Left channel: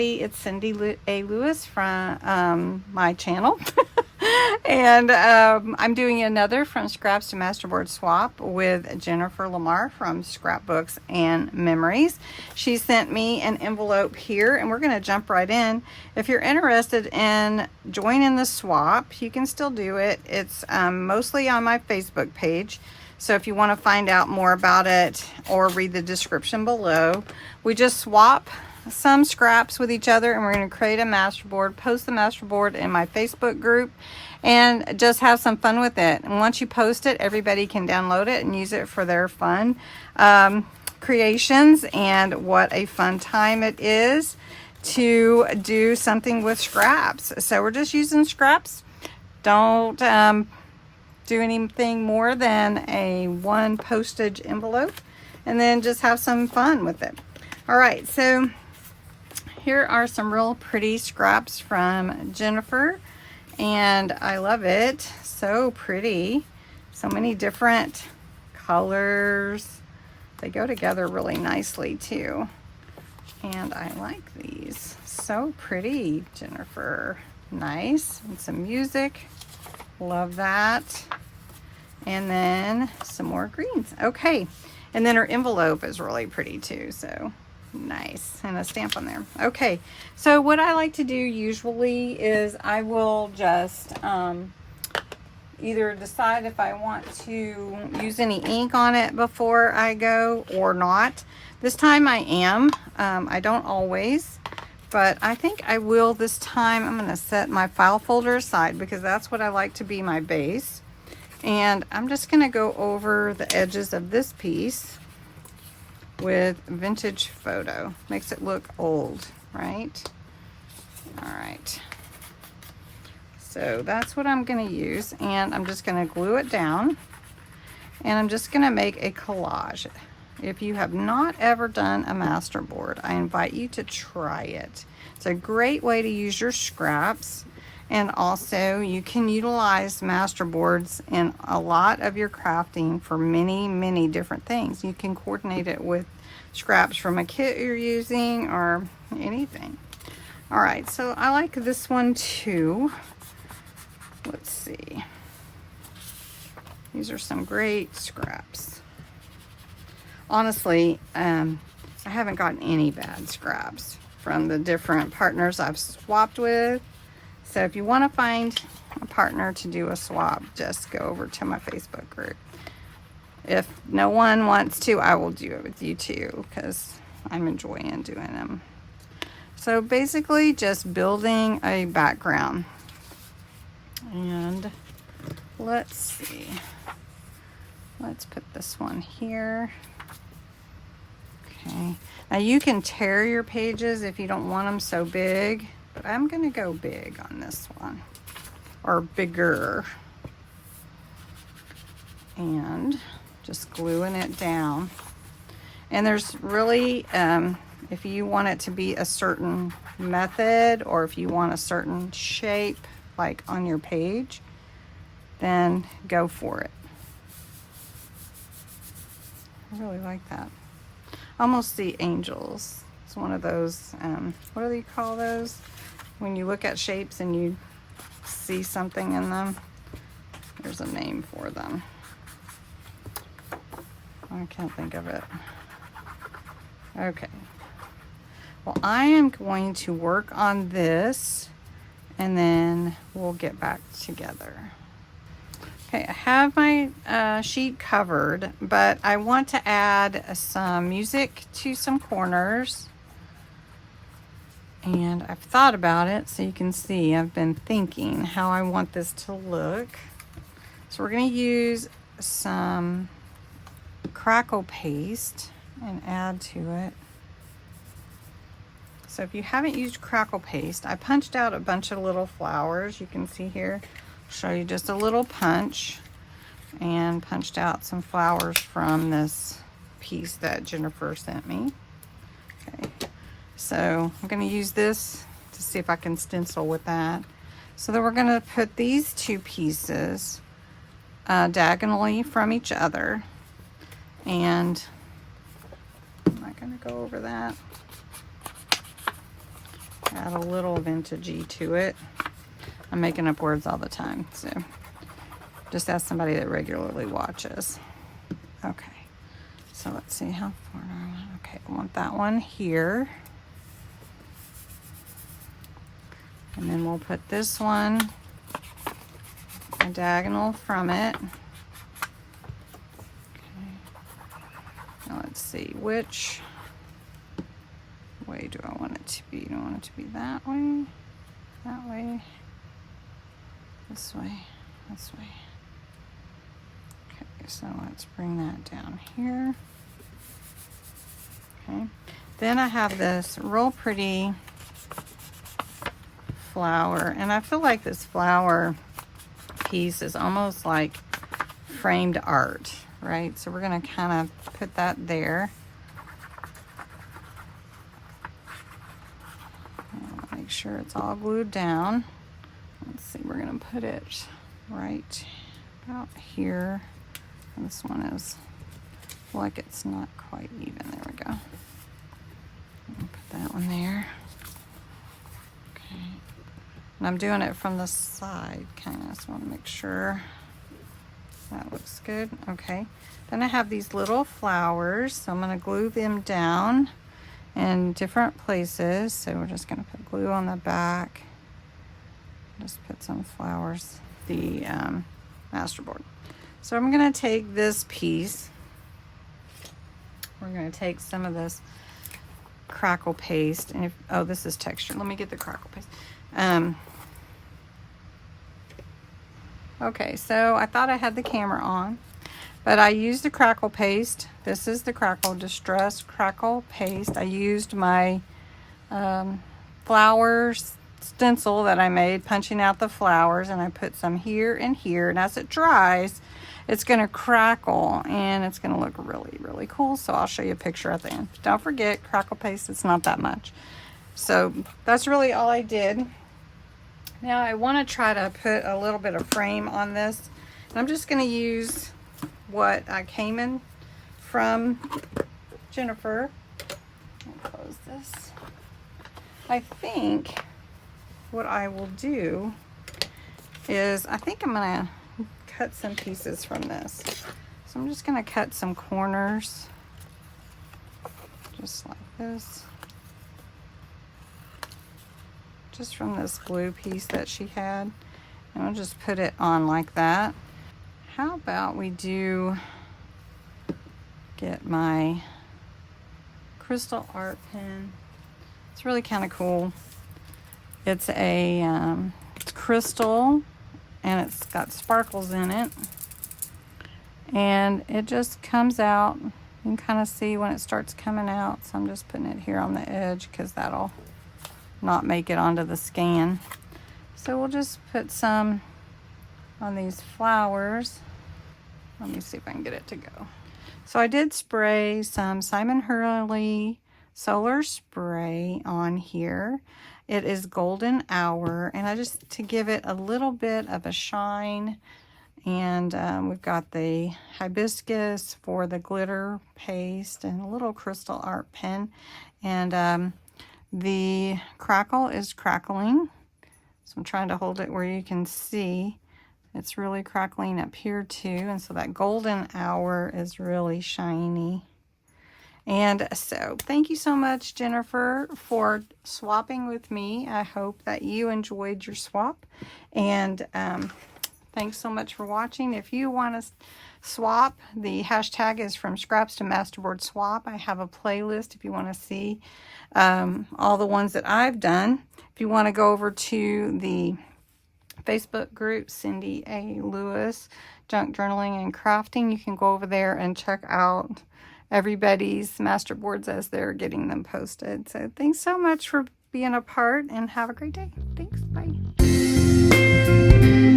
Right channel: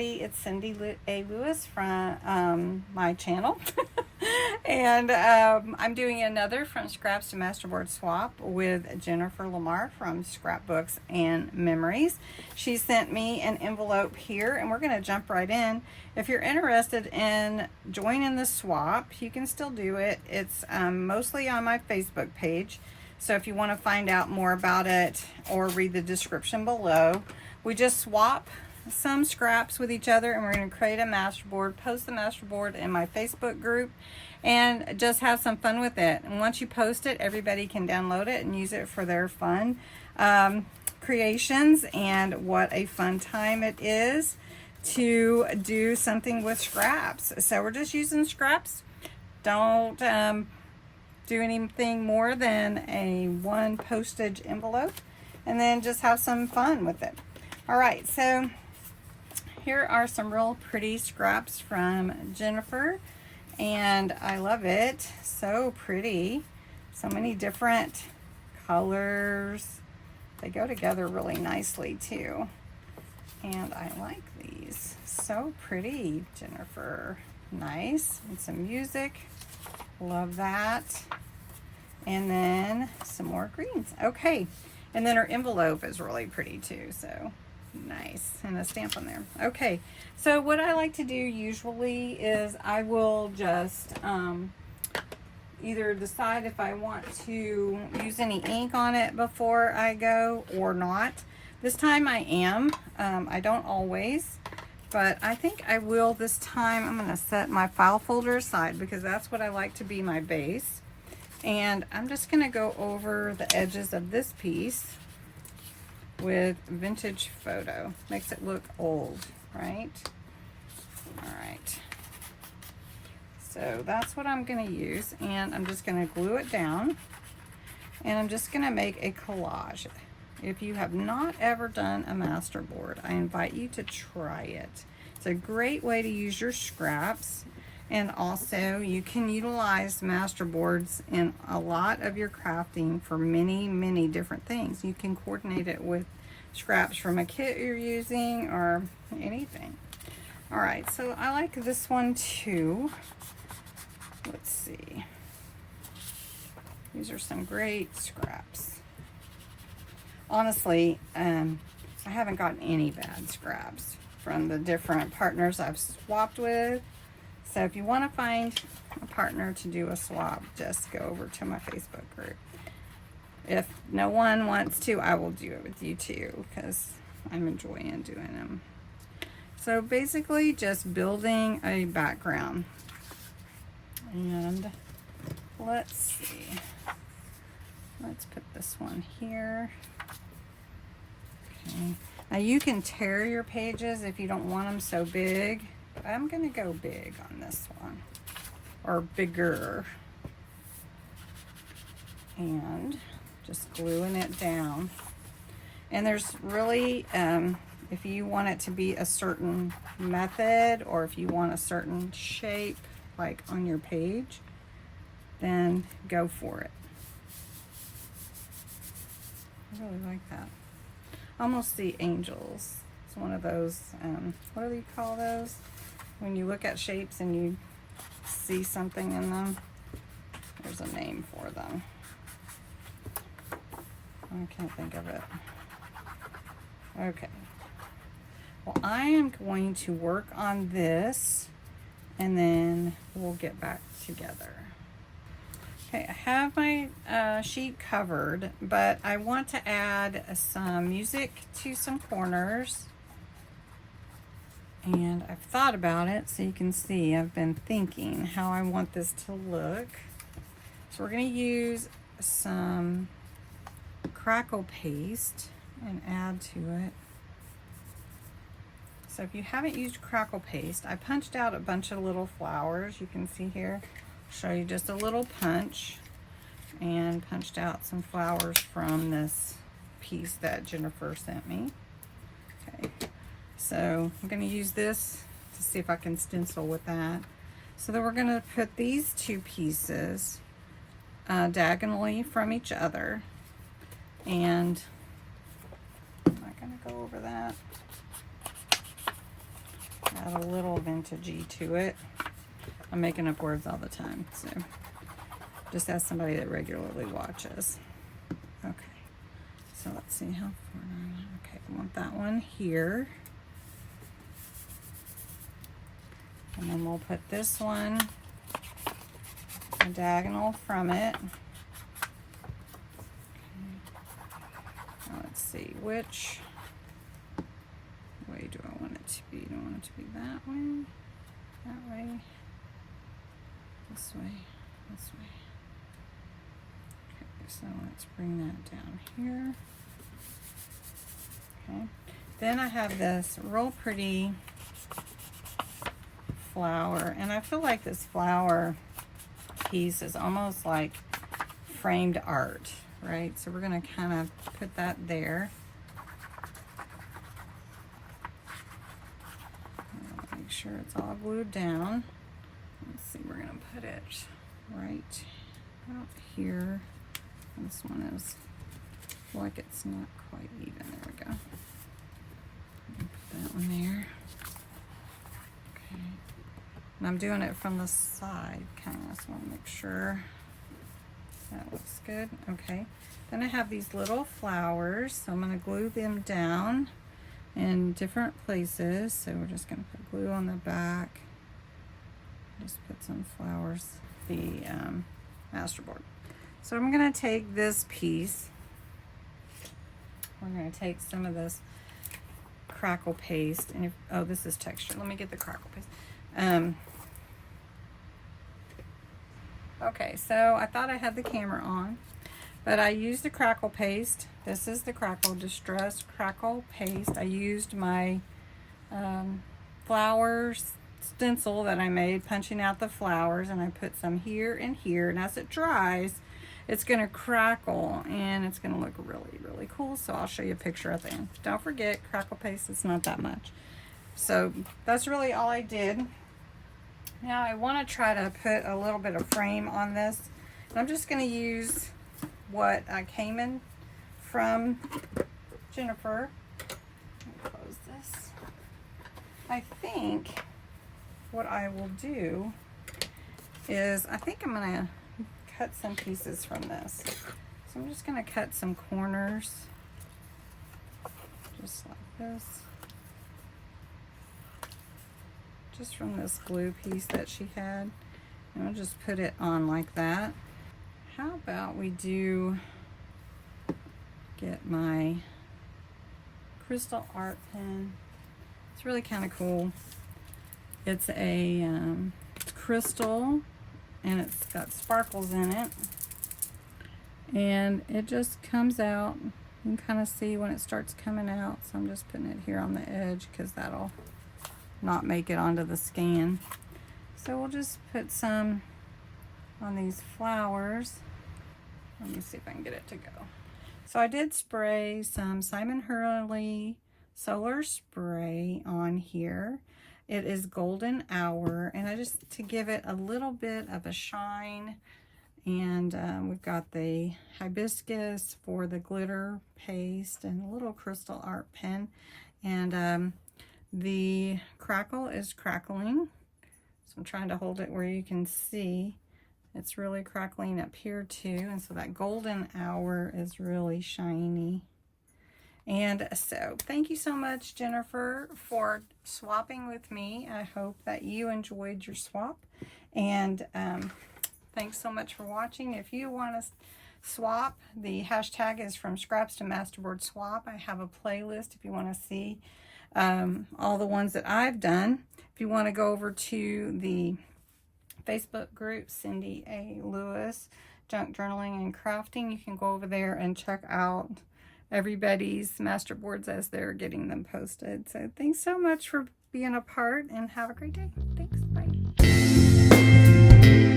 everybody. It's Cindy A. Lewis from my channel. And I'm doing another From Scraps to Masterboard swap with Jennifer Lamar from Scrapbooks and Memories. She sent me an envelope here, and we're going to jump right in. If you're interested in joining the swap, you can still do it. It's mostly on my Facebook page. So if you want to find out more about it or read the description below, we just swap some scraps with each other, and we're going to create a masterboard, post the masterboard in my Facebook group, and just have some fun with it. And once you post it, everybody can download it and use it for their fun creations. And what a fun time it is to do something with scraps. So we're just using scraps. Don't do anything more than a one postage envelope, and then just have some fun with it. All right, so here are some real pretty scraps from Jennifer, and I love it. So pretty. So many different colors. They go together really nicely too. And I like these. So pretty, Jennifer. Nice. And some music. Love that. And then some more greens. Okay. And then her envelope is really pretty too. So nice. And a stamp on there. Okay. So what I like to do usually is I will just either decide if I want to use any ink on it before I go or not. This time I am. I don't always, but I think I will this time. I'm going to set my file folder aside because that's what I like to be my base. And I'm just going to go over the edges of this piece with vintage photo. Makes it look old, right? All right. So that's what I'm going to use, and I'm just going to glue it down, and I'm just going to make a collage. If you have not ever done a masterboard, I invite you to try it. It's a great way to use your scraps, and also you can utilize masterboards in a lot of your crafting for many different things. You can coordinate it with scraps from a kit you're using or anything. All right, so I like this one too. Let's see. These are some great scraps. Honestly, I haven't gotten any bad scraps from the different partners I've swapped with. So if you want to find a partner to do a swap, just go over to my Facebook group. If no one wants to, I will do it with you too, because I'm enjoying doing them. So basically just building a background. And let's see. Let's put this one here. Okay. Now you can tear your pages if you don't want them so big, but I'm going to go big on this one, or bigger. And just gluing it down. And there's really, if you want it to be a certain method, or if you want a certain shape, like on your page, then go for it. I really like that. Almost the angels. It's one of those, what do you call those? When you look at shapes and you see something in them. There's a name for them. I can't think of it. Okay. Well, I am going to work on this, and then we'll get back together. Okay, I have my sheet covered, but I want to add some music to some corners. And I've thought about it, so you can see I've been thinking how I want this to look. So we're going to use some crackle paste and add to it. So if you haven't used crackle paste, I punched out a bunch of little flowers. You can see here, I'll show you just a little punch, and punched out some flowers from this piece that Jennifer sent me. Okay, so I'm going to use this to see if I can stencil with that. So then we're going to put these two pieces diagonally from each other, and I'm not going to go over that. Add a little vintagey to it. I'm making up words all the time, so just ask somebody that regularly watches. Okay, so let's see how far. Okay, I want that one here. And then we'll put this one a diagonal from it. Okay. Now let's see, which way do I want it to be? Do I want it to be that way, this way, this way? Okay, so let's bring that down here. Okay, then I have this real pretty flower, and I feel like this flower piece is almost like framed art, right? So we're going to kind of put that there. Make sure it's all glued down. Let's see, we're going to put it right about here. This one is like it's not quite even. There we go. Put that one there. Okay. And I'm doing it from the side, kind of, so I want to make sure that looks good. Okay. Then I have these little flowers, so I'm going to glue them down in different places. So we're just going to put glue on the back. Just put some flowers. The Masterboard. So I'm going to take this piece. We're going to take some of this crackle paste, and oh, this is texture. Let me get the crackle paste. Okay, so I thought I had the camera on, but I used the crackle paste. This is the crackle distress crackle paste. I used my flowers stencil that I made, punching out the flowers, and I put some here and here, and as it dries, it's going to crackle, and it's going to look really, really cool. So I'll show you a picture at the end. Don't forget, crackle paste, it's not that much. So that's really all I did. Now I want to try to put a little bit of frame on this. And I'm just going to use what I came in from Jennifer. Let me close this. I think what I will do is, I think I'm going to cut some pieces from this. So I'm just going to cut some corners, just like this. Just from this blue piece that she had. And I'll just put it on like that. How about we get my crystal art pen. It's really kind of cool. It's a it's crystal, and it's got sparkles in it. And it just comes out. You can kind of see when it starts coming out. So I'm just putting it here on the edge because that'll not make it onto the scan. So we'll just put some on these flowers. Let me see if I can get it to go. So I did spray some Simon Hurley solar spray on here. It is golden hour, and I just to give it a little bit of a shine. And we've got the hibiscus for the glitter paste and a little crystal art pen. And the crackle is crackling, so I'm trying to hold it where you can see. It's really crackling up here too, and so that golden hour is really shiny. And so thank you so much, Jennifer, for swapping with me. I hope that you enjoyed your swap, and thanks so much for watching. If you want to swap, the hashtag is from scraps to masterboard swap. I have a playlist if you want to see all the ones that I've done. If you want to go over to the Facebook group, Cindy A. Lewis, Junk Journaling and Crafting, you can go over there and check out everybody's masterboards as they're getting them posted. So thanks so much for being a part, and have a great day. Thanks. Bye.